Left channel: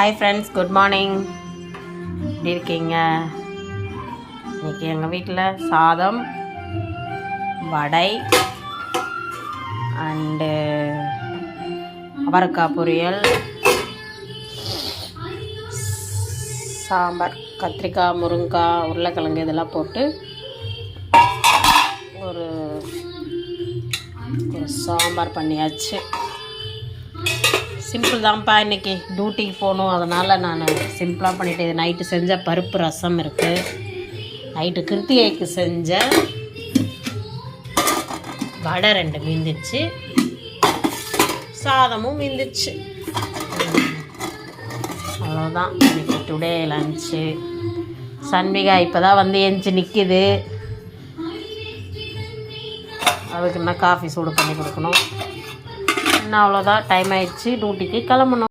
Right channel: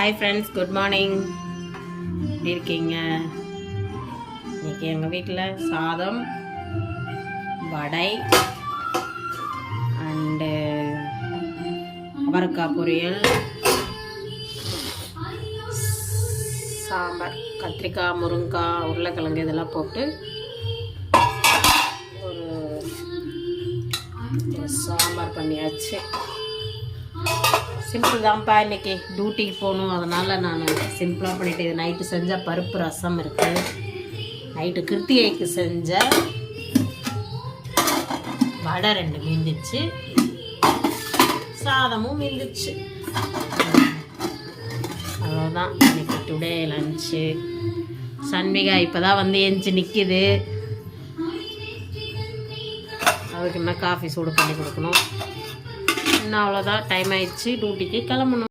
Hi friends, good morning. எப்படி இருக்கீங்க? இன்றைக்கி எங்கள் வீட்டில் சாதம், வடை அண்டு அவரைக்காய் பொரியல், சாம்பார், கத்திரிக்காய், முருங்கைக்காய், உருளைக்கிழங்கு இதெல்லாம் போட்டு ஒரு சாம்பார் பண்ணியாச்சு. சிம்பிள் தான்ப்பா. இன்றைக்கி டியூட்டிக்கு போகணும், அதனால் நான் சிம்பிளாக பண்ணிவிட்டேன். இது நைட்டு செஞ்ச பருப்பு ரசம் இருக்குது. நைட்டு கிருத்திகைக்கு செஞ்ச வடை 2 மீந்துச்சு, சாதமும் மீந்துச்சு. அவ்வளோதான் இன்றைக்கி டுடே லன்ச்சு. சன்மிகா இப்போ தான் வந்து எஞ்சி நிற்கிது. அதுக்கு என்ன காஃபி சூடு பண்ணி கொடுக்கணும். இன்னும் அவ்வளோதான், டைம் ஆயிடுச்சு, டியூட்டிக்கு கிளம்பணும்.